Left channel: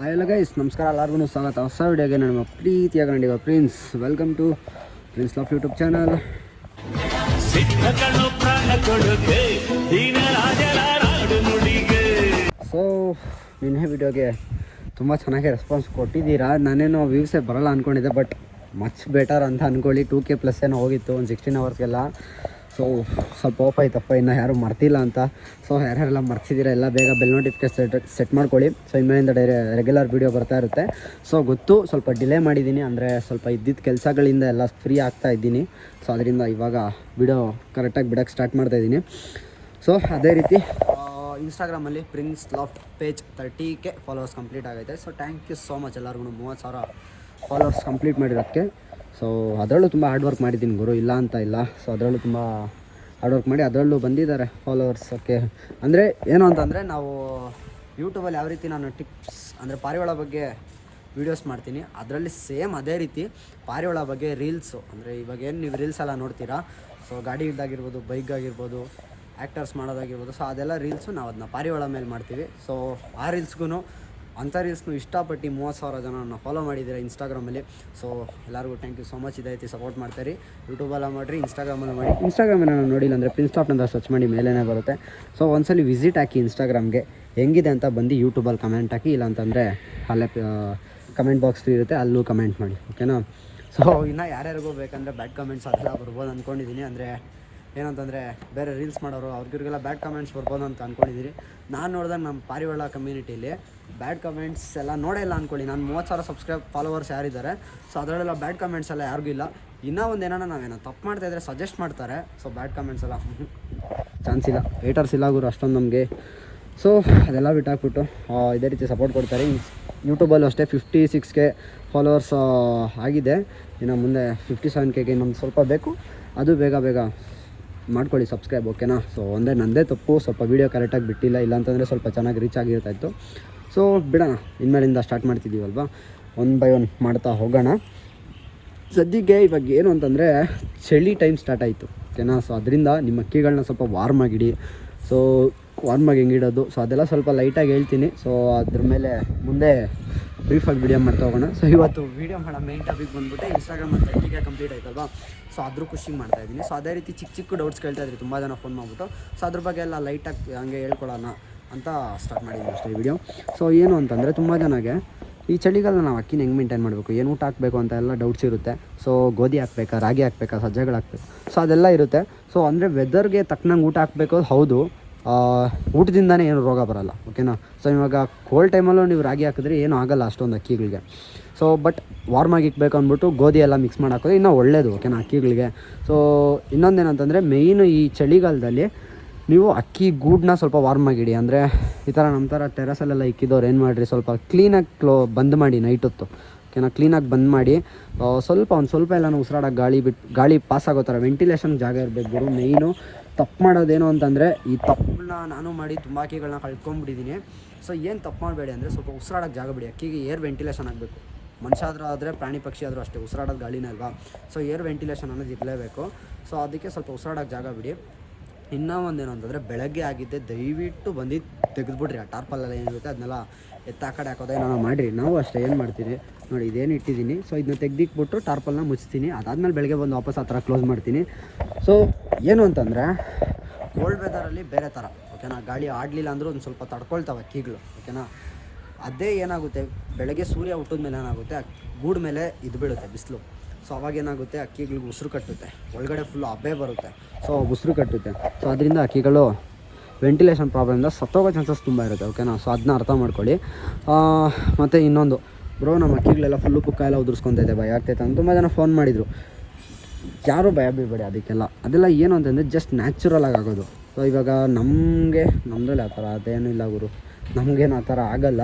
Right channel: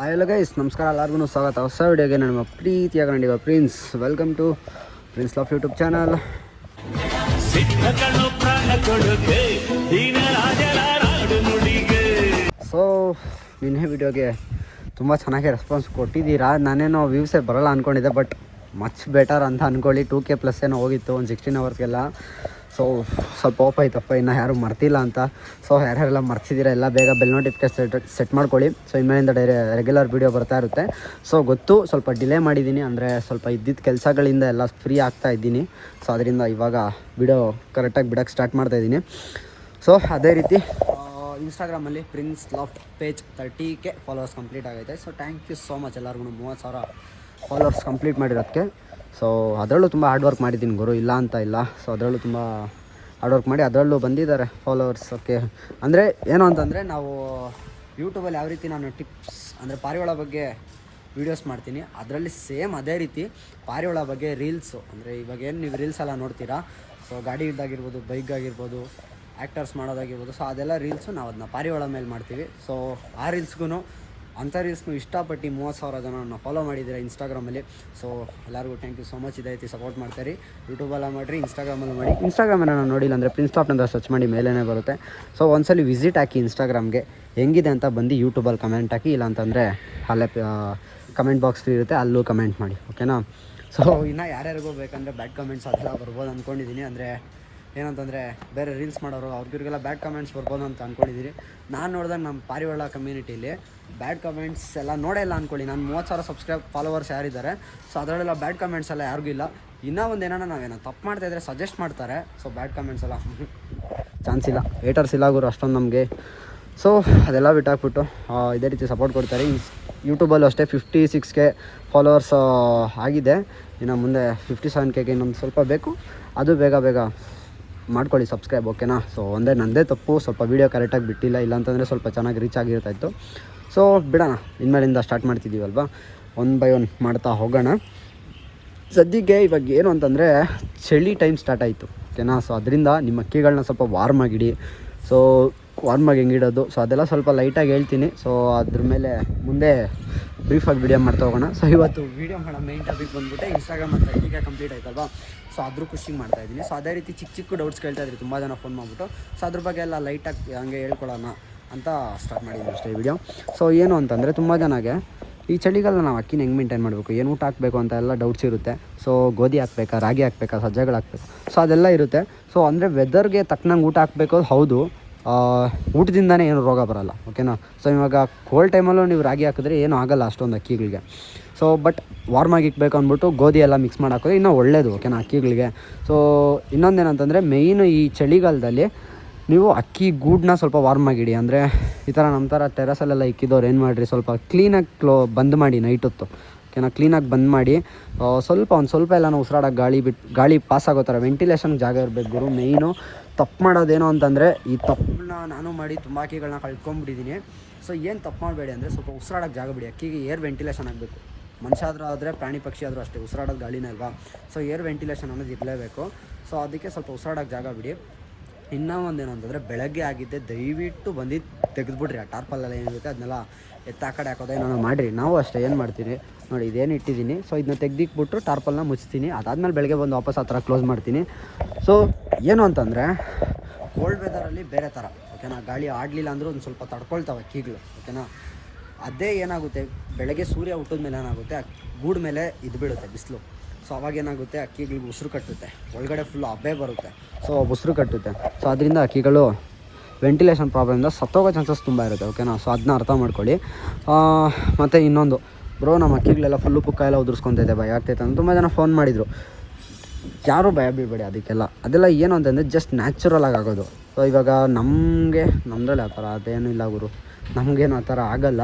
Hi guys ನಮಸ್ಕಾರ ಎಲ್ಲರಿಗೂ ಸ್ವಾಗತ. ಹೊಸ ವಿಡಿಯೋಗೆ ನಮ್ಮ ಪ್ರೀತಿಯಾಗ ನಡೆಯುವ prince welcome to prince laugh YouTube channel so ನಿನ್ನೆ ವಿಡಿಯೋಗೆ ತುಂಬ ಚೆನ್ನಾಗಿ ರೆಸ್ಪಾನ್ಸ್ ಕೊಟ್ಟಿದ್ದೀರಾ? ನಾನೇನೋ ವ್ಯೂಸೇ ಬರಲ್ಲ ಅಂದ್ಕೊಂಡಿದ್ದೆ ಬಟ್ ಮಚ್ ಬೆಟರ್ ಅಂತ ಅಂದ್ಕೊಳ್ಳಿ ಟೂ ಕೆ ಪ್ಲಸ್ ಏನೋ ಹೋಗಿತ್ತು ಒಂದು ಸಿಕ್ಸ್ಟೀನ್ ಅವರ್ಸ್ಗೆಲ್ಲ ಸೊ ಸ್ವಲ್ಪ ಓಪ್ ಆಯ್ತಪ್ಪ, ಇನ್ನು ಯಾರು ಮರ್ತಿಲ್ಲ ಅಂತ. ಸೊ ಯಾರ್ಯಾರೆಲ್ಲ ಮರ್ತಿದ್ದೀರ, ಎಲ್ಲ ಬೇಗ ಬೆಲ್ ನೋಟಿಫಿಕೇಶನ್ ಸೆಟ್ ಮಾಡ್ಕೊಳ್ಳಿ. ಸೊ ಇನ್ಮೇಲಿಂದ ಡೈರೆ ರೆಗ್ಯುಲರ್ ವೀಡಿಯೋ ಬರ್ತಾ ಇರುತ್ತೆ. ಸೊ ಗೊತ್ತು, ಸ್ವಲ್ಪ ಡಿಲೇ ಮಾಡಿದ್ದೀನಿ, ಅಂದರೆ ಸ್ವಲ್ಪ ಇದ್ದಿದ್ದ ಕೆಲಸಗಳಿಂದ ಎಲ್ಲ ಫ್ರೀ ಆಗ್ತಾ ಇದ್ದೀನಿ. ಸೊ ಅದರಿಂದ ಇವಾಗ ವಿಡಿಯೋ ಕರೆಕ್ಟಾಗಿ ಬಿಡೋಕ್ಕೆ ಸ್ಟಾರ್ಟ್ ಮಾಡ್ತಾ ಇದ್ದೀನಿ. ಸೊ ಅದೇ ರೀತಿ ಇನ್ಸ್ಟಾಗ್ರಾಮಲ್ಲಿ prince loft page thirty K followers complete ಆಗೈತೆ. So thank you so much ಎಲ್ಲರಿಗೂ ಮೂವತ್ತು ಸಾವಿರ ಫಾಲೋವರ್ಸ್ ಕಂಪ್ಲೀಟ್ ಮಾಡಿರೋದಕ್ಕೆ ಸೊ ಅದರಲ್ಲೂ ತುಂಬ ಹಾರ್ಡ್ ವರ್ಕ್ ಮಾಡಿದ್ದೀನಿ ಗುರು. ಇಲ್ಲ ಅಂತ ಇಲ್ಲ. ಸೊ ಅದರಲ್ಲೂ ತುಂಬ ಹಾರ್ಡ್ ವರ್ಕ್ ಮಾಡಿ ಅದರಲ್ಲೂ ಬಂದಿದ್ದಾರೆ ಫಾಲೋವರ್ಸ್ ಓಕೆ ಅಂದರೆ ಏನು ಅಂತಂದರೆ ನಾವು ಯೂಟ್ಯೂಬಲ್ಲಿ ಯಾವ ರೀತಿ ನಾನು ಟಿಪ್ಸ್ ಅಂದರೆ ಪಾರಿವಾಳ ಬಗ್ಗೆ ವೀಡಿಯೋಸ್ ಮಾಡ್ತೀನಿ, ಅದರಲ್ಲಿ ಸೇಮ್ ಅದೇ ರೀತಿ ಪಾರಿವಾಳ ಬಗ್ಗೆ ರೀಲ್ಸು ಅಂದರೆ ಇವಾಗ ಏನು ನೀವು ರೀಲ್ಸ್ ಎಲ್ಲ ನೋಡ್ತೀರಾ? ಸೊ ಗಾಡಿ ಇದ್ದಾಗಿರ್ಬೋದು ಬೈಕ್ ಆಗಿರ್ಬೋದು ಆ್ಯಕ್ಟರ್ಸ್ ಮಾಡೋದಾಗಿರ್ಬೋದು. ಸೊ ಅದೆಲ್ಲ ರೀಲ್ಸು ನಾವು ಅದನ್ನ ಪಾರಿವಾಳ ಮೇಲೆ ಮಾಡ್ತೀವಿ. ಸೊ ಆ ರೀಲ್ಸ್ಗೂ ಅಂಥ ರೀಲ್ಸ್ನು ಇಷ್ಟಪಟ್ಟು ಮೂವತ್ತು ಸಾವಿರ ಜನ ಫಾಲೋ ಮಾಡಿದ್ದೀರಾ ಇನ್ಸ್ಟಾಗ್ರಾಮಲ್ಲಿ ಸೊ ಎಲ್ಲರಿಗೂ ಥ್ಯಾಂಕ್ ಯು ಸೊ ಮಚ್ ಇದೇ ರೀತಿ ಸಪೋರ್ಟ್ ಮಾಡ್ತಾರೆ ಯೂಟ್ಯೂಬಲ್ಲ ಮಾಡಿರಿ ಇನ್ಸ್ಟಾಗ್ರಾಮಲ್ಲಿ ಮಾಡಿ. ಇನ್ಸ್ಟಾಗ್ರಾಮಲ್ಲಿ ನೋಡಿಲ್ಲ ಅಂದರೆ ಪ್ರಿನ್ಸ್ ಟಾಪ್ ಅಂತ ಸರ್ಚ್ ಮಾಡಿ ಮೇಲೇ ಬರುತ್ತೆ. ಸೊ ಒಂದ್ಸಲಿ ವಿಸಿಟ್ ಹಾಕಿ ಇನ್ಸ್ಟಾಗ್ರಾಮ್ಗೆ ಹೆಂಗಿದೆ ಅಂತ ಬಂದು ಯೂಟ್ಯೂಬಲ್ಲಿ ಕಮೆಂಟ್ ಹಾಕಿ ಇಲ್ಲ ಅಂತಂದರೆ ಅಲ್ಲೇ ಕಮೆಂಟ್ ಬಾಕ್ಸ್ ಫ್ರೀ ಇರುತ್ತೆ, ಅಲ್ಲೂ ಕಮೆಂಟ್ ಮಾಡಿ. ಓಕೆನಾ ಸೊ ಇನ್ನು ಯಾರ್ಯಾರಿಗೂ ಬೇಕಂದರೆ ಬ್ಯಾಡ್ ಕಮೆಂಟ್ಸ್ ಅದೆಲ್ಲ ಬರ್ಬೋದು ಅಂದ್ಕೊಂಡಿದ್ದೀನಿ ಅಂದರೆ ಏನಂತಂದರೆ ಬೇರೆ ರೀಲ್ಸ್ ಮಾಡೋರು, ಅವ್ರಿಗೆಲ್ಲ ಬ್ಯಾಡ್ ಕಮೆಂಟ್ಸ್ ಬರ್ಬೋದು ಅಂತ ಅಂದ್ಕೊಂಡಿದ್ದೀರಿ ನಾನು ನೋಡಿದಾಗ ನಮ್ಮ ಪಾರಿವಾಳ ಕಮ್ಯುನಿಟಿಲಿ ಬ್ಯಾಡ್ ಕಮೆಂಟ್ಸ್ ಎಲ್ಲ ನೋಡೇ ಇಲ್ಲ ಅಂದ್ಕೊಳ್ಳಿ ನಾನು ಮೂವತ್ತು ಸಾವಿರ ಸಬ್ಸ್ಕ್ರೈಬ್ ಫಾಲೋವರ್ಸ್ ಯಾರಿದ್ದಾರೆ ಸೊ ಅದರಲ್ಲೆಲ್ಲ ಬ್ಯಾಡ್ ಕಮೆಂಟ್ಸ್ ಎಲ್ಲ ಯಾರಿಗೂ ಇಲ್ಲ. ಇನ್ನೂ ಒಂದು ಏನಾರ ನಾವೇನೋ ತಪ್ಪು ಮಾಡ್ತಾ ಇದ್ರೆ ಸಜೆಸ್ಟ್ ಮಾಡ್ತಾರೆ ಸೊ ಬ್ಯಾಡ್ ಕಮೆಂಟ್ಸ್ ಎಲ್ಲ ಚಾನ್ಸ್ ಇಲ್ಲ. ಹೇಟರ್ಸ್ ಇಲ್ಲ ಗುರು ಅಷ್ಟೊಂದು ನಮಗೆ. ಸೊ ಅದೆಲ್ಲ ಬಿಟ್ಟಾಕ್ಬಿಟ್ಟು ಇದೇ ರೀತಿ ಸಪೋರ್ಟ್ ಕೊಡ್ತಾರೆ. ಯೂಟ್ಯೂಬಲ್ಲೂ ಅಷ್ಟೇ ಫಿಫ್ಟಿ ಸಿಕ್ಸ್ಗೆ ಫಾಲೋವರ್ಸ್ ಆಗಿದೆ. ಇನ್ನು ಮುಂದೆ ಫಿಫ್ಟಿ ಸೆವೆನ್ ಕೆಗೆ ಇನ್ನೊಂದು ಸ್ವಲ್ಪ ಬೇಕು. ಅದು ಬೇಗ ಬೇಗ ಮಾಡ್ಕೊಳ್ಳಿ ಸಬ್ಸ್ಕ್ರೈಬ್ ಓಕೆನಾ ಸೊ ಒಂದೇ ನನ್ನದೇ ತಪ್ಪು, ಸ್ವಲ್ಪ ವೀಡಿಯೋ ಕರೆಕ್ಟಾಗಿ ಬಿಟ್ಟಿಲ್ಲ, ಇಲ್ಲಾಂತಂದರೆ ಸ್ವಲ್ಪ ಚೆನ್ನಾಗಿ ರೀಚ್ ಆಗಿರ್ತಾಯಿತ್ತು. ಸೊ ಬಿಡೋಣ, ಇನ್ಮೇಲಿಂದ ಸ್ಟಾರ್ಟ್ ಮಾಡ್ತಿದ್ದೀವಲ್ವಾ? ಒನ್ ಬೈ ಒನ್ ಮಾಡ್ತಾ ಹೋಗೋಣ. ಸದ್ಯಕ್ಕೆ ಇವಾಗ ಏನು ಅಂತಂದರೆ, ಚಳಿ ಟೈಮ್ ಸ್ಟಾರ್ಟ್ ಆಯಿತು ಓಕೆನಾ ಸೊ ಅದರಿಂದ ನಿಮ್ಮ ಅಕ್ಕಿಗಳನ್ನ ಸ್ವಲ್ಪ ವಾರ್ಮ್ ಆಗಿಡಿ. ಸೊ ವಾರ್ಮಾಗಿ ಹೆಂಗಿಡೋದು ಸೊ ಅದೆಲ್ಲ ಸ್ವಲ್ಪ ಲೈಟಾಗಿ ಹೇಳ್ತೀನಿ. ಸೊ ಅದ್ರ ಮೇಲೆ ಮುಂದೆ ಬ್ರೀಫಾಗಿ ವಿಡಿಯೋ ಮಾಡ್ತಾ ಹೋಗೋಣ. ಸೊ ಇವತ್ತು ವೀಡಿಯೋ ಮಾಡೋ ಮೇನ್ ಟಾಪಿಕ್ ಬಂದ್ಬಿಟ್ಟು ಇನ್ಸ್ಟಾಗ್ರಾಮ್ ಅಂತ ಈಗ ಕಂಪ್ಲೀಟ್ ಆಯ್ತಲ್ವಾ? ಸೊ ಅದ್ರ ಖುಷಿ ಮಾಡ್ತಾ ಇದ್ದೀನಿ. ಸೊ ಅದೇ ರೀತಿ ಚಿಕ್ಕ ಚಿಕ್ಕ ಡೌಟ್ಸ್ ಕೇಳ್ತಾ ಇದ್ರಿ ತುಂಬ ಜನ ಫೋನ್ ಮಾಡಿಬಿಟ್ಟು ಸೊ ಅದ್ರ ಬಗ್ಗೆ ಎಲ್ಲ ಲೈಟಾಗಿ ಹಂಗೆ ಹೇಳ್ಕೊಳ್ಳೋಣ ಅಂತ ಸ್ಟಾರ್ಟ್ ಮಾಡಿದ್ದೀನಿ ಅಷ್ಟೇ ವಿಡಿಯೋ ಸೊ ಏನು ಅಂತಂದರೆ ತುಂಬ ಜನಗೆ ಈ ಚಳಿಗಾಲ ನಾವು ಅಕ್ಕಿನ ಹೆಂಗೆ ಮೇಂಟೈನ್ ಮಾಡಬೇಕು? ಏನು ಊಟ ಹಾಕಬೇಕು ಅಂತ ಎಲ್ಲ ಡೌಟ್ಸ್ ಇರುತ್ತೆ. ಸೊ ಗೋಧಿ ಹಾಕ್ಬೇಕಾ, ರಾಗಿ ಹಾಕ್ಬೇಕಾ, ಸಜ್ಜೆಗಳು ಹಾಕ್ಬೇಕು? ಸೊ ಅದೆಲ್ಲ ಇರುತ್ತೆ. ಸೊ ಅಂದರೆ ವೆದರ್ಗೆ ತಕ್ಕನಂಗೆ ಊಟ ಹಾಕಬೇಕು? ಹೌದು. ಊಟದಿಂದನೇ ಏನು ರೋಗ ಬರಲ್ಲ ಓಕೆನಾ ಸೊ ಇವಾಗ ಕೋಲ್ಡ್ ಟೈಮಲ್ಲೂ ನೀವು ರಾಗಿ ಹಾಕಿದ್ರೆ ಏನೂ ಆಗಲ್ಲ ಅಷ್ಟೊಂದು ಅಕ್ಕಿಗಳಿಗೆ. ಸೊ ಬಟ್ ವಾರ್ಮಾಗಿ ಇಕ್ಬೇಕು ಅಂದ್ಬಿಟ್ಟು ಗೋಧಿ ಎಲ್ಲ ಮಿಕ್ಸ್ ಮಾಡಿ ಹಾಕೋದು ಇನ್ನೂ ಒಳ್ಳೇದು ಓಕೆನಾ ಅಕ್ಕಿಗಳಿಗೆ. ಸೊ ಇನ್ನೊಂದೇನಂತಂದರೆ ಮೇಯ್ನು ಈ ಚಳಿಗಾಲದಲ್ಲಿ ನೀವು ಅಕ್ಕಿ ಗೂಡನ್ನ ಸ್ವಲ್ಪ ವಾರ್ಮ್ ಆಗಿಡಿ ಅಂದರೆ ಈ ಥರ ನಮ್ಮ ಥರ ಟೆರಸಲ್ಲೆಲ್ಲ ಇಕ್ಕಿದವ್ರು ಏನು ಮಾಡಿರಿ? ಸ್ವಲ್ಪ ಕ್ಲೀನಾಗಿ ಕ್ಲೋ ಬಂದ್ ಮಾಡಿ ನೈಟ್ ಹೊತ್ತು ಓಕೆನಾ ಕ್ಲೀನಾಗಿ ಬಂದ್ ಮಾಡಿ ಸ್ವಲ್ಪ ಒಂದು ಸ್ವಲ್ಪ ಎಲ್ಲ ಉಸಿರಾಡೋಕ್ಕೆ ಗಾಳಿ ಬಿಟ್ಟು ಗಾಳಿ ಪಾಸ್ ಆಗೋ ಥರ ವೆಂಟಿಲೇಷನ್ ಜಾಗ ಇರಬೇಕು ಗುರು ಮೇಯ್ನು ತಪ್ಪು ಮಾಡೋದೇನು ಅಂತಂದರೆ ಈ ತಪ್ಪನ್ನ ನಾನು ಮಾಡಿ ತುಂಬ ಕಳ್ಕೊಂಡ್ಬಿಟ್ಟಿದ್ದೀನಿ ಸೊ ಏನು ತಪ್ಪು ಮಾಡಬೇಡಿ ಅಂದರೆ ಸ್ವಲ್ಪ ಉಸಿರಾಡೋಕೆ ಜಾಗ ಬಿಡಿ. ಅಕ್ಕಿಗೆ ಏರ್ ವೆಂಟಿಲೇಷನ್ ಆಗಬೇಕು. ಮನುಷ್ಯ ಆದರೂ ಆದರೆ ಪ್ರಾಣಿ ಪಕ್ಷಿ ಆದರೂ ಅಷ್ಟೇ, ಉಸಿರಾಡೋದು ಗಾಳಿನ ಅಲ್ವಾ? ಸೊ ಏರ್ ವೆಂಟಿಲೇಷನ್ ಅನ್ನೋದು ಇರಲೇಬೇಕು. ಸೊ ಅದಕ್ಕೆ ಸ್ವಲ್ಪ ಉಸಿರಾಡೋಕೆ ಜಾಗ ಬಿಡಿ. ಇನ್ನೂ ಒಂದೇನು ಅಂತಂದರೆ, ಬೆಳಗ್ಗೆ ಆಗಿದ್ದೆ ದಯವಿಟ್ಟು ಬಂದು ತೆಗೆದುಬಿಡ್ರಿ. ಆ ಟಾರ್ಪಲ್ಲೆಲ್ಲ ಏನಿರುತ್ತೆ, ಅದನ್ನೆಲ್ಲ ಎತ್ತ ಆ ಕಡೆ ಹಾಕೋದು ಏನೋ ಮಾಡಿರಿ. ನಾವು ಅಷ್ಟೇ, ಏನು ಮಾಡ್ತೀನಿ ನೋಡಿ, ಇದೇನು ಇಟ್ಟಿದ್ದೀನಿ. ಸೊ ಇದನ್ನ ತೆಗ್ದಿಕ್ಬಿಟ್ಟು ಟಾರ್ಪಲ್ನ ಮುಚ್ತೀನಿ. ಅದಾದಮೇಲೆ ಬೆಳಗ್ಗೆ ಬಂದು ವಾಪಸ್ ಆ ಥರ ಕ್ಲೋಸ್ ಮಾಡ್ತೀನಿ. ಸೊ ಏನು ಅಂತಂದರೆ ಓಲ್ಡ್ ವೆದರಲ್ಲಿ ಬೇರೆ ಥರ ಓಕೆನಾ ಗಾಳಿ ಆಡಲಿಲ್ಲ ಅಂದರೂ ಒಂದು ಸ್ವಲ್ಪ ತಡ್ಕೊಳ್ತಾವೆ ಅಕ್ಕಿಗಳು ಓಕೆನಾ ಅದೇ ಏನಾಗುತ್ತೆ, ಬೆಳಗ್ಗೆ ಸೂರ್ಯ ಹುಟ್ಟಿದ ಮೇಲೆ ಏನಾಗುತ್ತೆ ಗೂಡ್ ಗೂಡು ಮೇಲೆ ಇದು ಬೀಳುತ್ತೆ, ಬಿಸಿಲು. ಸೊ ಅವಾಗ ಏನಾಗುತ್ತೆ ಅಕ್ಕಿಗಳಿಗೆ ಉಸಿರು ಕಟ್ಟುತ್ತೆ. ಒಳಗಡೆ ಫುಲ್ ಹಬ್ಬೆ ಬರುತ್ತೆ. ಸೊ ಉಸಿರು ಕಟ್ಟುತ್ತೆ. ಸೊ ಅದರಿಂದ ಅಕ್ಕಿಗಳು ವೆಂಟಿಲೇಷನ್ ಪ್ರಾಬ್ಲಮಿಂದ ಸತ್ತೋಗೋ ಚಾನ್ಸಸ್ ತುಂಬ ಇರುತ್ತೆ ಓಕೆನಾ ಸೊ ಅದನ್ನ ಅರ್ಥ ಮಾಡ್ಕೊಳ್ಳಿ. ಮತ್ತು ಇನ್ನೊಂದು. ಬ್ರೋ ನಮ್ಮ ಅಕ್ಕಿಗಳೆಲ್ಲ ಫುಲ್ಲು ಪುಕ್ಕ ಎಲ್ಲ ಉದುರಿಸ್ಕೊತಿದ್ದೆ ಭಯ ಆಗ್ತೈತೆ ಅಂತ ತುಂಬ ಜನ ಫೋನ್ ಮಾಡಿದರು. ಯಾರೂ ಭಯ ಬೀಬೇಡಿ ಅದಕ್ಕೆಲ್ಲ. ಅದೆಲ್ಲ ಏನು ಅಂತಂದರೆ ಜಸ್ಟ್ ನ್ಯಾಚುರಲ್ ಆಗಿ ಆಗೋದು. ಸೊ ಇವಾಗ ನಮಗೆ ನಮ್ಮದ್ರಲ್ಲಿ ಆ ಥರ ಅದೇನೂ ಇಲ್ಲ ಗುರು. ನಮಗೇನು ಆ ಥರ ಆಗಲ್ಲ.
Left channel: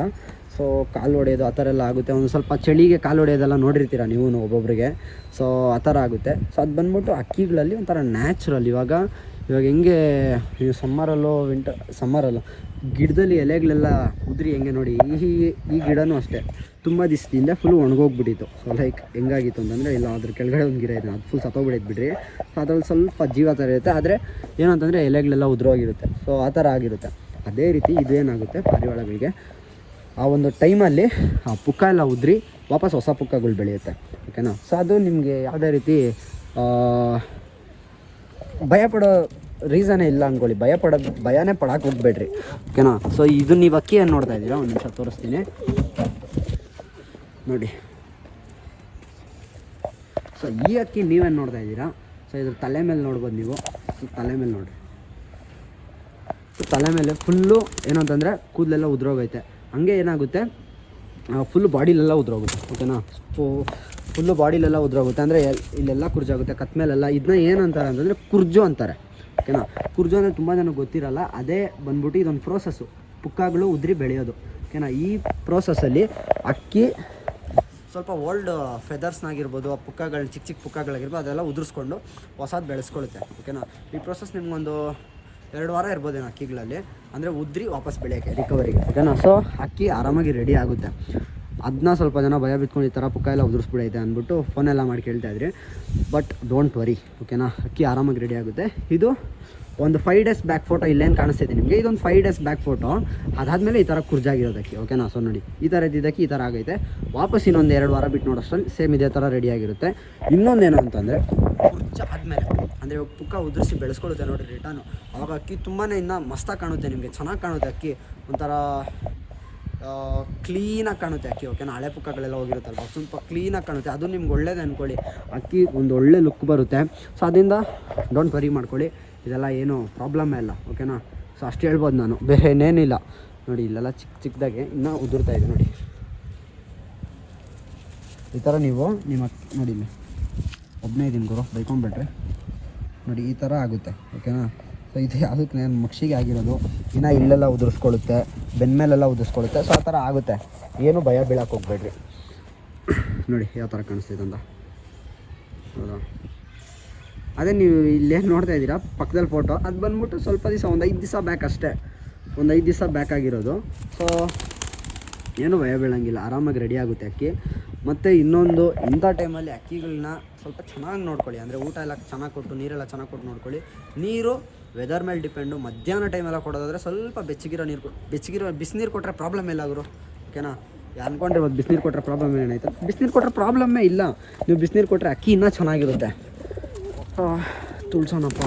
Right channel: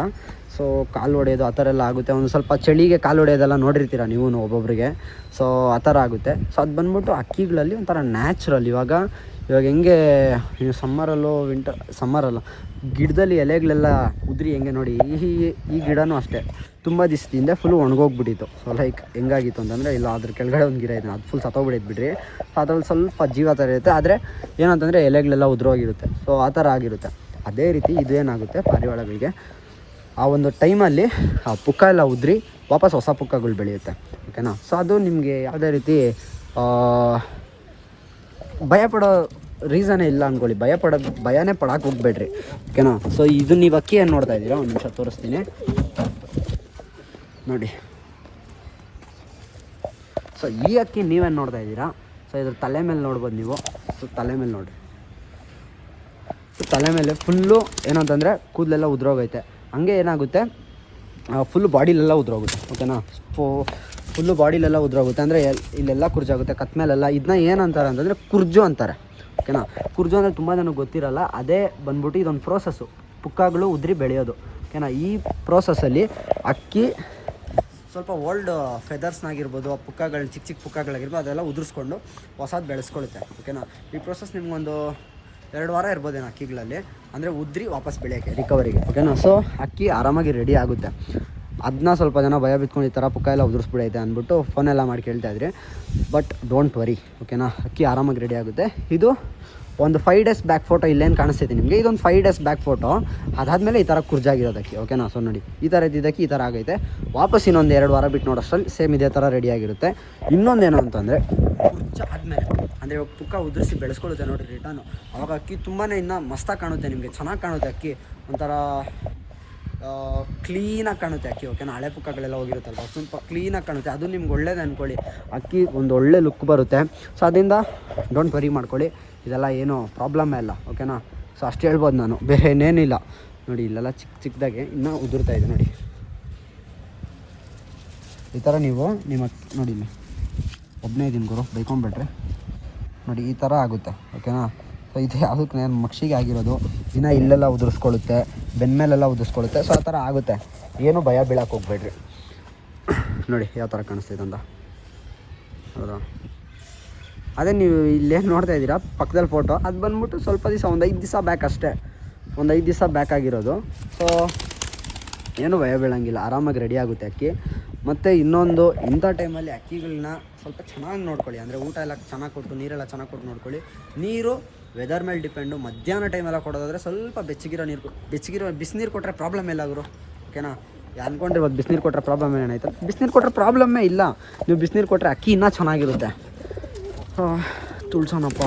ಸೊ ಕಾಲು ಹೊಡೆಯೋದು ಆ ಥರ ಎಲ್ಲ ಆಗುತ್ತೆ. ಒಂದು ಸ್ವಲ್ಪ ಚಳಿಗೆ ಕಾಲು ಹೊಡೆಯೋದೆಲ್ಲ ನೋಡಿರ್ತೀರ ನೀವು ಒಬ್ಬೊಬ್ಬರಿಗೆ ಸೊ ಆ ಥರ ಆಗುತ್ತೆ. ಸೊ ಅದು ಬಂದ್ಬಿಟ್ಟು ಅಕ್ಕಿಗಳಲ್ಲಿ ಒಂಥರ ನ್ಯಾಚುರಲ್ ಇವಾಗ ಇವಾಗ ಹೆಂಗೆ ಈ ಸಮ್ಮರಲ್ಲೂ ವಿಂಟರ್ ಸಮ್ಮರಲ್ಲೂ ಗಿಡದಲ್ಲಿ ಎಲೆಗಳೆಲ್ಲ ಉದುರಿ ಹೆಂಗೆ ನೋಡಿ, ಈ ಈ ಗಿಡನೂ ಅಷ್ಟೇ. ತುಂಬ ದಿವಸದಿಂದ ಫುಲ್ ಒಣಗೋಗ್ಬಿಟ್ಟಿತ್ತು. ಸೊ ಲೈಕ್ ಹೆಂಗಾಗಿತ್ತು ಅಂತಂದರೆ, ಇಲ್ಲ, ಅದ್ರ ಕೆಳಗಡೆ ಒಂದು ಗಿಡ ಇದೆ. ಅದು ಫುಲ್ ಸತ್ತೋಗ್ಬಿಟ್ಟಿದ್ದು ಬಿಡ್ರಿ ಅದ್ರಲ್ಲಿ ಸ್ವಲ್ಪ ಜೀವ ಥರ ಇರುತ್ತೆ. ಆದರೆ, ಏನಂತಂದರೆ, ಎಲೆಗಳೆಲ್ಲ ಉದುರೋಗಿರುತ್ತೆ. ಸೊ ಆ ಥರ ಆಗಿರುತ್ತೆ. ಅದೇ ರೀತಿ ಇದು ಏನಾಗುತ್ತೆ ಪಾರಿವಾಳಗಳಿಗೆ? ಆ ಒಂದು ಟೈಮಲ್ಲಿ ಆ ಪುಕ್ಕ ಎಲ್ಲ ಉದ್ರಿ ವಾಪಸ್ ಹೊಸ ಪುಕ್ಕಗಳು ಬೆಳೆಯುತ್ತೆ. ಓಕೆನಾ ಸೊ ಅದು ನಿಮಗೆ ಯಾವುದೇ ರೀತಿ ಭಯ ಪಡೋ ರೀಸನೇ ಇಲ್ಲ ಅಂದ್ಕೊಳ್ಳಿ ಭಯ ಪಡೋದು ಭಯನೇ ಪಡಕ್ಕೆ ಹೋಗ್ಬೇಡ್ರಿ. ಓಕೆನಾ? ಸೊ ಇದು ನೀವು ಅಕ್ಕಿ ಏನು ನೋಡ್ತಾ ಇದ್ದೀರಾ ಒಂದು ನಿಮಿಷ ತೋರಿಸ್ತೀನಿ. ನೋಡಿ. ಸೊ ಈ ಅಕ್ಕಿ ನೀವೇನು ನೋಡ್ತಾ ಇದ್ದೀರಾ ಸೊ ಇದ್ರ ತಲೆ ಮೇಲೆ ನೋಡ್ಬೋದು ನೀವು. ಸೊ ತಲೆ ಮೇಲೆ ನೋಡ್ರಿ. ಸೊ ತಲೆ ಮೇಲೆ ಫುಲ್ಲು ಏನಂತಂದರೆ ಕೂದಲೆಲ್ಲ ಉದ್ರೋಗೈತೆ. ಹಂಗೆ ಏನಾಗುತ್ತೆ? ಫುಲ್ ಬಾಡಿಲೆಲ್ಲ ಉದ್ರೋಗುತ್ತೆ. ಓಕೆನಾ? ಫುಲ್ಲು ಬಾಡಿಲೆಲ್ಲ ಉದ್ರೋಗುತ್ತೆ. ಅಂದರೆ ಇಲ್ಲೆಲ್ಲ ಕುರ್ಜಾಗುತ್ತೆ ಕತ್ ಮೇಲೆಲ್ಲ ಇದನ್ನ ಏನಂತಾರೆ ಅಂತಂದರೆ ಕುರ್ಜು ಅಂತಾರೆ. ಓಕೆನಾ ಕುರ್ಜು ಅಂದರೆ ತುಂಬ ಜನಕ್ಕೆ ಗೊತ್ತಿರಲ್ಲ, ಅದೇ ಬಂದ್ಬಿಟ್ಟು ಇದೊಂದು ಪ್ರೋಸೆಸ್ಸು ಪುಕ್ಕಗಳು ಉದ್ರಿ ಬೆಳೆಯೋದು. ಓಕೆನಾ ಈ ಪ್ರೋಸೆಸ್ಸಲ್ಲಿ ಅಕ್ಕಿ, ಸ್ವಲ್ಪ ಓಲ್ಡ್ ಫೆದರ್ಸ್ನಾಗಿರ್ಬೋದು ಆ ಪುಕ್ಕಗಳು ಚಿಕ್ಕ ಚಿಕ್ಕ ಪುಕ್ಕಗಳಾಗಿರ್ಬೋದು, ಅದೆಲ್ಲ ಉದುರಿಸ್ಕೊಂಡು ಹೊಸದು ಬೆಳೆಸ್ಕೊಳುತ್ತೆ. ಓಕೆನಾ ಈ ಪ್ರೋಸೆಸ್ ನಿಮಗೊಂದು ಎರಡು ವಾರ ಇರ್ಬೋದೇನೋ ಅಕ್ಕಿಗಳಲ್ಲಿ. ಅಂದರೆ ಉದ್ರಿ ವಾಪಸ್ ಬೆಳೆಯೋಕ್ಕೆ ರಿಕವರಿಗೆ ಓಕೆನಾ ಸೊ ಅಕ್ಕಿ ಆರಾಮಾಗಿ ರೆಡಿ ಆಗುತ್ತೆ. ಅದನ್ನ ಸ್ವಲ್ಪ ಜನ ಭಯ ಬಿತ್ಕೊಂಡು ಈ ಥರ ಪುಕ್ಕ ಎಲ್ಲ ಉದುರಿಸ್ಬಿಡೈತೆ ಅಂದ್ಬಿಟ್ಟು ಫೋನೆಲ್ಲ ಮಾಡಿ ಕೇಳ್ತಾ ಇದ್ರಿ. ಬಟ್ ಡೋಂಟ್ ವರಿ ಓಕೆನಾ ಅಕ್ಕಿ ಆರಾಮಾಗಿ ರೆಡಿ ಆಗುತ್ತೆ. ಇದು ಒಂದು ಫೈವ್ ಡೇಸ್ ಬ್ಯಾಕ್ ಫೋಟೋ ಇಲ್ಲೇನು ಕಾಣಿಸ್ತಿದೆ ನಿಮಗೆ. ಇದೊಂದು ಫೈವ್ ಡೇಸ್ ಬ್ಯಾಕ್ ಫೋಟೋ ಅದಾದಮೇಲೆ ಈ ಥರ ಕುರ್ಜಾಗಿರೋದಕ್ಕೆ ಓಕೆನಾ ಸೊ ನೋಡಿ, ಈ ಥರ ಇದ್ದಿದ್ದಕ್ಕೆ ಈ ಥರ ಆಗೈತೆ. ವಾಪಸ್ ಇನ್ನೊಂದು ಎರಡು ವಾರ ಬಿಟ್ಟು ನೋಡೋಷ್ಟು ಸೇಮ್ ಇದೇ ಥರ ರೆಡಿ ಆಗಿರುತ್ತೆ. ಇನ್ನೊಂದೇನು ಅಂತಂದರೆ ಆದಮೇಲೆ ಅಂದರೆ ಪುಕ್ಕ ಉದುರಿಸಿ ಬೆಳೆಸ್ಕೊಳ್ಳುತ್ತೆ ನೋಡಿ ರಿಟರ್ನು ಅವಾಗ ಅಕ್ಕಿ ತುಂಬಾ ಇನ್ನೂ ಮಸ್ತಾಗಿ ಕಾಣುತ್ತೆ ನಿಮಗೆ, ಚೆನ್ನಾಗಿ ಕಾಣುತ್ತೆ ಅಕ್ಕಿ. ಒಂಥರ ಕ್ಲೀನಾಗಿ ಕಾಣುತ್ತೆ ಅಕ್ಕಿ ಓಕೆನಾ ಹಳೆ ಪುಕ್ಕಗಳೆಲ್ಲ ಹೋಗಿರುತ್ತಲ್ಲ ಸ್ವಲ್ಪ ಕ್ಲೀನಾಗಿ ಕಾಣುತ್ತೆ. ಅದು ನಿಮ್ಗೆ ಒಳ್ಳೇದು ಅಂದ್ಕೊಳ್ಳಿ ಅಕ್ಕಿ ಒಂದು ಒಳ್ಳೆ ಲುಕ್ ಬರುತ್ತೆ. ಸೊ ಅದರಿಂದ ಡೋಂಟ್ ವರಿ ಮಾಡ್ಕೊಳ್ಳಿ. ಇದೆಲ್ಲ ಏನು ಪ್ರಾಬ್ಲಮ್ಮೇ ಇಲ್ಲ ಓಕೆನಾ ಸೊ ಅಷ್ಟು ಹೇಳ್ಬೋದು ನಾನು. ಬೇರೆ ಏನೇನಿಲ್ಲ. ನೋಡಿ, ಇಲ್ಲೆಲ್ಲ ಚಿಕ್ಕ ಚಿಕ್ಕದಾಗೆ ಇನ್ನೂ ಉದುರ್ತಾ ಇದೆ, ನೋಡಿ. ಈ ಥರ ನೀವು, ನಿಮ್ಮ ನೋಡಿ ಇಲ್ಲಿ. ಒಬ್ಬನೇ ಇದ್ದೀನಿ ಗುರು, ಬೈಕೊಂಡ್ಬಿಟ್ರೆ. ನೋಡಿ, ಈ ಥರ ಆಗುತ್ತೆ ಓಕೆನಾ ಸೊ ಇದು ಯಾವುದಕ್ಕೆ ನಾನು ಮಕ್ಷಿಗೆ ಆಗಿರೋದು. ಇನ್ನು ಇಲ್ಲೆಲ್ಲ ಉದುರಿಸ್ಕೊಳ್ಳುತ್ತೆ. ಬೆನ್ನ ಉದಿಸ್ಕೊಳುತ್ತೆ ಸೊ ಆ ಥರ ಆಗುತ್ತೆ. ಏನು ಭಯ ಬೀಳಕ್ಕೆ ಹೋಗ್ಬೇಡ್ರಿ. ನೋಡಿ, ಯಾವ ಥರ ಕಾಣಿಸ್ತಿದೆ ಅಂತ. ಹೌದಾ? ಅದೇ ನೀವು ಇಲ್ಲೇನು ನೋಡ್ತಾ ಇದ್ದೀರಾ, ಪಕ್ಕದಲ್ಲಿ ಫೋಟೋ ಅದು ಬಂದ್ಬಿಟ್ಟು ಸ್ವಲ್ಪ ದಿವಸ, ಒಂದು ಐದು ದಿವಸ ಬ್ಯಾಕ್ ಅಷ್ಟೇ. ಒಂದು ಐದು ದಿವಸ ಬ್ಯಾಕ್ ಆಗಿರೋದು. ಸೊ ಏನು ಭಯ ಬೀಳಂಗಿಲ್ಲ. ಆರಾಮಾಗಿ ರೆಡಿ ಆಗುತ್ತೆ ಅಕ್ಕಿ. ಮತ್ತು ಇನ್ನೊಂದು, ಇಂಥ ಟೈಮಲ್ಲಿ ಅಕ್ಕಿಗಳನ್ನ ಸ್ವಲ್ಪ ಚೆನ್ನಾಗಿ ನೋಡ್ಕೊಳ್ಳಿ. ಅಂದರೆ ಊಟ ಎಲ್ಲ ಚೆನ್ನಾಗಿ ಕೊಟ್ಟು, ನೀರೆಲ್ಲ ಚೆನ್ನಾಗಿ ಕೊಟ್ಟು ನೋಡ್ಕೊಳ್ಳಿ. ನೀರು ವೆದರ್ ಮೇಲೆ ಡಿಪೆಂಡು ಮಧ್ಯಾಹ್ನ ಟೈಮೆಲ್ಲ ಕೊಡೋದಾದರೆ ಸ್ವಲ್ಪ ಬೆಚ್ಚಗಿರೋ ನೀರು ಬೆಚ್ಚಗಿರೋ ಬಿಸಿನೀರು ಕೊಟ್ಟರೆ ಪ್ರಾಬ್ಲಮ್ ಇಲ್ಲ ಅವರು ಓಕೆನಾ ಅಂದ್ಕೊಂಡು ಇವತ್ತು ಬಿಸಿನೀರು ಕೊಟ್ಟರೆ ಪ್ರಾಬ್ಲಮ್ ಏನಾಯ್ತು ಬಿಸಿನೀರು ಕೊಟ್ಟರೆ ಪ್ರಾಬ್ಲಮ್ಮೇ ಇಲ್ಲ. ನೀವು ಬಿಸಿನೀರು ಕೊಟ್ಟರೆ ಅಕ್ಕಿ ಇನ್ನೂ ಚೆನ್ನಾಗಿರುತ್ತೆ. ತುಳ್ಸೋಣಪ್ಪ.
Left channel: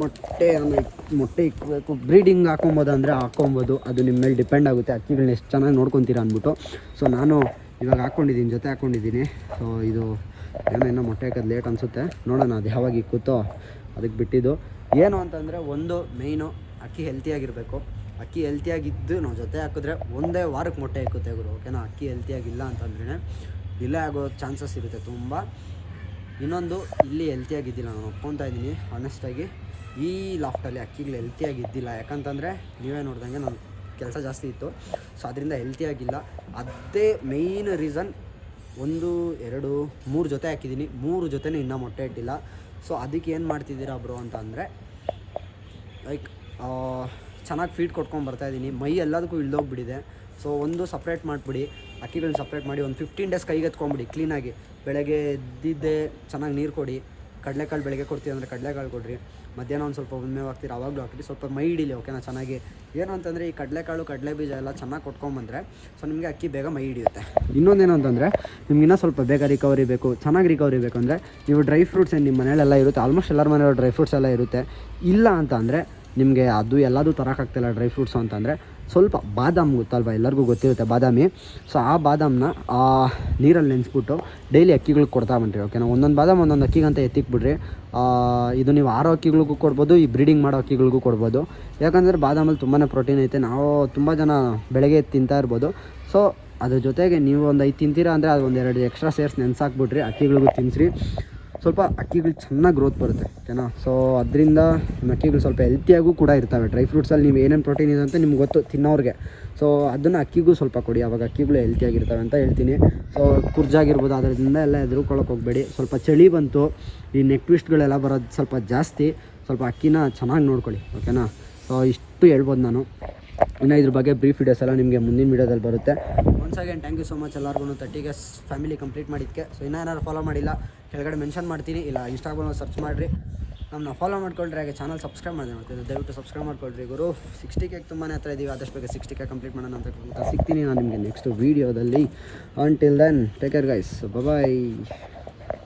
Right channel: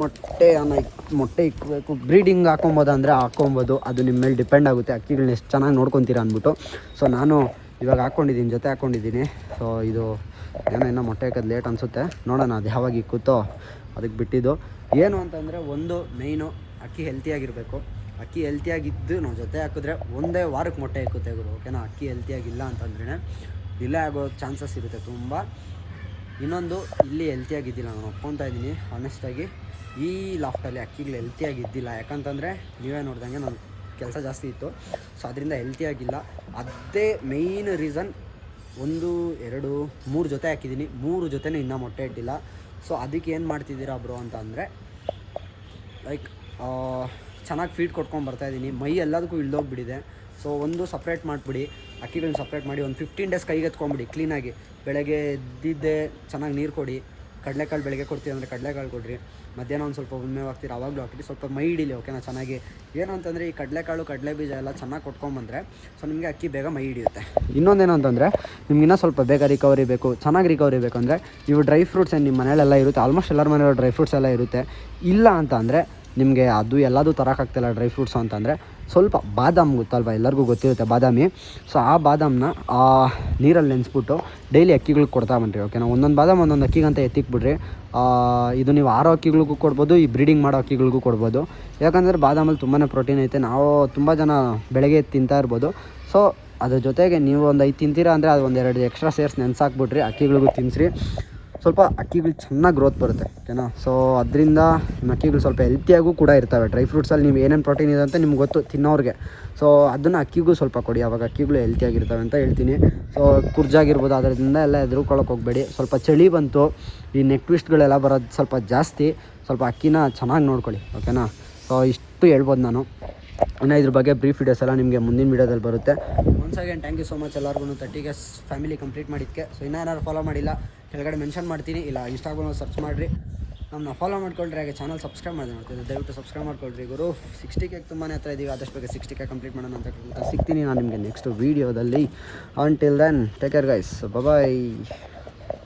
ಮೊಟ್ಟೆ ಅನ್ನ ಮೊಟ್ಟೆ ಇಕ್ಕಬೇಕು ಬ್ರೀಡಿಂಗ್ ಹಾಕೊಬೋದು ಅಂದರೆ ಹಾಕೊಬೋದು. ಅದು ನಿಮ್ಮ ಮೇಲೆ ಡಿಪೆಂಡ್ ಆಗುತ್ತೆ. ಅಕ್ಕಿಗಳನ್ನ ಎಷ್ಟು ಚೆನ್ನಾಗಿ ನೋಡ್ಕೊತೀರಾ ಅಂದ್ಬಿಟ್ಟು. ಸೊ ನಾನು ಇವಾಗ ಹಾಕ್ಕೊಂಡಿದ್ದೀನಿ ಜೊತೆ ಹಾಕ್ಕೊಂಡಿದ್ದೀನಿ ಸೊ ಇದು ಏನೋ ಇನ್ನೂ ಮೊಟ್ಟೆ ಹಾಕೋದು ಲೇಟ್ ಅನಿಸುತ್ತೆ. ನೋಡೋಣ ಅದು ಯಾವಾಗ ಇಕ್ಕುತ್ತೋ. ಅದಕ್ಕೆ ಬಿಟ್ಟಿದ್ದು. ಏನು ಅಂತಂದರೆ ಒಂದು ಮೇಯ್ನು ಅಕ್ಕಿ ಹೆಲ್ತಿಯಾಗಿರಬೇಕು ಅಕ್ಕಿ ಹೆಲ್ತಿಯಾಗಿದ್ದು ನಾವು ಜೊತೆ ಹಾಕಿದ್ರೆ ಒಂದೇ ವಾರಕ್ಕೆ ಮೊಟ್ಟೆ ಇಕ್ಕುತ್ತೆ ಗುರು. ಓಕೆನಾ ಅಕ್ಕಿ ಹೆಲ್ತಿಯಾಗಿಲ್ಲ ಅಂತಂದ್ರೆ ಡಿಲೇ ಆಗೋ ಚಾನ್ಸಸ್ ಇರುತ್ತೆ ತುಂಬ. ಇನ್ನೊಂದು, ಇಲ್ಲಿ ಹೆಲ್ತಿಯಾಗಿದ್ದಿಲ್ಲ ನಾನು ಒಪ್ಕೊತಾ ಇದ್ದೀನಿ ಆನೆಸ್ಟಾಗಿ ಈ ಲಾಫ್ಟಲ್ಲಿ ಅಕ್ಕಿಗಳು ಹೆಲ್ತಿಯಾಗಿದ್ದಿಲ್ಲ ಯಾಕಂತಂದರೆ ನೀವೇ ನೋಡ್ದಂಗೆ ನಾನು ಕೆಲಸ ಜಾಸ್ತಿ ಇತ್ತು. ಸೊ ಅದರಿಂದ ಹೆಲ್ತಿಯಾಗಿಲ್ಲ ಅದೇ ಮೇಯ್ನ್ ರೀಸನ್ ಒಂದು, ಎರಡು, ಮೂರು ಜೊತೆ ಹಾಕಿದ್ದೀನಿ. ಮೂರು ಜೊತೆನೇ ಇನ್ನೂ ಮೊಟ್ಟೆ ಇಟ್ಟಿಲ್ಲ. ಸೊ ಅದಕ್ಕೆ ಏನು ಮಾಡ್ತಿದ್ದೀರಾ ಬ್ರೋ ಅಂತ ಅಂದರೆ ಲೈಕ್ ಚೆನ್ನಾಗಿ ಫೀಡ್ ಕೊಟ್ಕೊಂಡು ಬರ್ತಾ ಇದ್ದೀನಿ. ಮೈ ಎಲ್ಲದಕ್ಕೂ ಇಳ್ದೋಗ್ಬಿಟ್ಟಿದೆ. ಸೊ ಒಂದು ಸಪ್ರೇಟ್ ಮಾಡಿಬಿಡಿ. ಅಕ್ಕಿಗಳನ್ನ ಸಪ್ರೇಟ್ ಮಾಡಿ ಒಂದು ಫಿಫ್ಟೀನ್ ಡೇಸ್ ಕೈಗೆತ್ಕೊಂಬಿಡಿ ಕ್ಲೀನಾಗಿ ಬೆಳಗ್ಗೆ ಎದ್ದಿದ್ದೆ ಚೆನ್ನಾಗಿ ನೀರು ಕೊಡಿ. ಕಡಲೆಕಾಳು ಬೆಳಗ್ಗೆ ಕೊಡ್ತೀವಿ ಅಂದರೆ ಕಡಲೆಕಾಳು ಕೊಡ್ರಿ. ಮಧ್ಯಾಹ್ನ ಒಂದು ಸ್ವಲ್ಪ ಒಮ್ಮೆ ಹಾಕ್ತೀರಿ, ಅವಾಗಲೂ ಹಾಕ್ತೀರಿ. ಸ್ವಲ್ಪ ಮೈ ಹಿಡೀಲಿ ಓಕೆನಾ ಚೆನ್ನಾಗಿ ಏನು ಅಂತಂದರೆ ಈ ಕಡಲೆಕಾಳು, ಕಡಲೆ ಬೀಜ ಎಲ್ಲ ಚೆನ್ನಾಗಿ ಕೊಟ್ಕೊಂಬಂದರೆ ಸೊ ನಿಮಗೆ ಅಕ್ಕಿ ಬೇಗ ಮೈ ಹಿಡಿಯುತ್ತೆ ಇನ್ನೊಂದೇನು ಅಂತಂದರೆ ನಿಮ್ಗೆ ಇನ್ನೂ ಸ್ವಲ್ಪ ಬೇಗ ರಿಕವರಿ ಬೇಕು, ಚೆನ್ನಾಗಿ ರಿಕವರಿ ಬೇಕು ಅಂದರೆ ನೀವು ಡ್ರೈ ಫ್ರೂಟ್ಸ್ ಏನು ನಿಮ್ಮ ಮನೇಲೆಲ್ಲ ಇರುತ್ತೆ ಆಲ್ಮೋಸ್ಟ್ ಎಲ್ಲರ ಮನೆಯಲ್ಲೂ ಡ್ರೈ ಫ್ರೂಟ್ಸ್ ಎಲ್ಲ ಇರುತ್ತೆ. ಇಲ್ಲ ಅಂತ ನಿಮಗೆ ಅದು ಎಲ್ಲದೂ ತರೋಕ್ಕಾಗ್ತಿಲ್ಲ ಡ್ರೈ ಫ್ರೂಟ್ಸು ಅಂತಂದರೆ ಸ್ವಲ್ಪ ಬಾದಾಮ್ ಗೊತ್ತಲ್ವ ಎಲ್ಲರಿಗೂ ಗೊತ್ತಿರುತ್ತೆ ಬಾದಾಮಿ. ಸೊ ಆ ಬಾದಾಮನ್ನ ಆ ನೀರಲ್ಲಿ ನೆನೆಸ್ಬಿಟ್ಟು ಡೈಲಿ ಅಕ್ಕಿಗಳಿಗೆ ಕೊಡ್ತಾ ಬಂದ್ರಿ ಓಕೆನಾ ಒಂದೊಂದು ಬಾದಾಮ್ ಒಂದೊಂದು ಅಕ್ಕಿಗಂತ ಎತ್ತಿಕ್ಬಿಡ್ರಿ ಇದು ನೀವು ಆರೋ ಅಕ್ಕಿಗಳಿಗೂ ಕೊಡ್ಬೋದು, ಈ ಬ್ರೀಡಿಂಗ್ ಮಾಡೋ ಅಕ್ಕಿಗಳಿಗೂ ಕೊಡ್ಬೋದು. ಯಾಕಂದರೆ ಬಾದಾಮಲ್ಲಿ ತುಂಬಾ ಪ್ರೋಟೀನ್ ಐತೆ, ನಾವು ತುಂಬ ಜನ ಬೆಳಗ್ಗೆ ತಿಂತಾ ಇರ್ಬೋದು. ಸೊ ಅದ್ರ ಜೊತೆಗೆ ನೀವು ಒಂದು ಐದು ತಿಂತೀರಾ ಅಂದರೆ ಅದು ಒಂದೆರಡು ಎಕ್ಸ್ಟ್ರಾ ಸೇರ್ಸ್ ನೆನ್ಸಾಕ್ಬಿಟ್ರಿ ಅಕ್ಕಿಗಳಿಗೂ ತಿನ್ನಿಸ್ರಿ ಸ್ವಲ್ಪ ಅಕ್ಕಿಗಳು ಚೆನ್ನಾಗಿ ಗ್ರೋತ್ ಬರುತ್ತೆ ಓಕೆನಾ ಸೊ ಅದರಿಂದ ನಿಮ್ಮ ಅಕ್ಕಿಗಳು ಸ್ವಲ್ಪ ಹೆಲ್ತಿಯಾಗೂ ಕೂಡ ಇರ್ತವೆ. ಡ್ರೈ ಫ್ರೂಟ್ಸಲ್ಲಿ ನೀವು ಏನೇನು ಪ್ರೋಟೀನ್ ಇದೆ ಅಂತ ನಿಮ್ಗೆ ಗೊತ್ತು, ತಿನ್ನೋರಿಗೆ. ಸೊ ಅದನ್ನು ಅಕ್ಕಿಗೂ ಸ್ವಲ್ಪ ಕೊಡಿ, ಅವಾಗ ಅಕ್ಕಿಗಳು ಹೆಲ್ತಿಯಾಗಿರ್ತವೆ ಅಂತ ಹೇಳ್ತೀನಿ. ಸೊ ಕುರ್ಜಾಗಿರ್ಬೋದು, ಅದರಿಂದ ಎಲ್ಲ ಎದುರುಕೊಳ್ಳೋಕೆ ಹೋಗಬೇಡಿ. ಸ್ವಲ್ಪ ಚಳಿ ಬಂತು, ಈ ನೆಕ್ ಟ್ವಿಸ್ಟ್ಗಳೆಲ್ಲ ಬರೋದು ಸ್ವಲ್ಪ ಜಾಸ್ತಿ. ಸ್ವಲ್ಪ ಅಕ್ಕಿನ ಚೆನ್ನಾಗಿ ನೋಡ್ಕೊಳ್ಳಿ ಓಕೆನಾ ಸೊ ಇಷ್ಟು ಹೇಳ್ಬೋದು ನಾನು. ಇನ್ನು ಇದ್ರ ಬಗ್ಗೆ ಬ್ರೀಫ್ ವಿಡಿಯೋಸ್ ಎಲ್ಲ ನಿಮಗೆ ಮುಂದಿನ ವೀಡಿಯೋದಲ್ಲಿ ಬರುತ್ತೆ. Once again thank you so much ಎಲ್ಲರಿಗೂ ತರ್ಟಿಗೆ ಫ್ಯಾಮಿಲಿ ಕಂಪ್ಲೀಟ್ ಮಾಡಿದ್ದಕ್ಕೆ ಸೊ ಇನ್ನೂ ಏನಾದ್ರು ಫಾಲೋ ಮಾಡಿಲ್ಲ, ಕೆಳಗಡೆ ಮೆನ್ಷನ್ ಮಾಡ್ತೀನಿ. ಇಲ್ಲ ಇನ್ಸ್ಟಾಗ್ರಾಮಲ್ಲಿ ಸರ್ಚ್ ಮಾಡಿರಿ. ನಮ್ಮನ್ನ ಫಾಲೋ ಮಾಡ್ಕೊಳ್ರಿ, ಹಾಗೆ ಚಾನಲ್ ಸಬ್ಸ್ಕ್ರೈಬ್ ಮಾಡಿದೆ ದಯವಿಟ್ಟು ಸಬ್ಸ್ಕ್ರೈಬ್ ಮಾಡ್ಕೊಳ್ರಿ ಗುರು. ಸಿಕ್ಸ್ಟಿ ಕೆ ತುಂಬಾ ಹತ್ರ ಇದೀವಿ, ಆದಷ್ಟು ಬಗ್ಗೆ ಸಿಕ್ಸ್ಟಿ ಕೆ ಕಂಪ್ಲೀಟ್ ಮಾಡೋಣ ಅಂತ ಸಿಗ್ತೀನಿ ನಾನು ನಿಮಗೆ ನೆಕ್ಸ್ಟ್ ವೀಡಿಯೋದಲ್ಲಿ and till then take care guys bye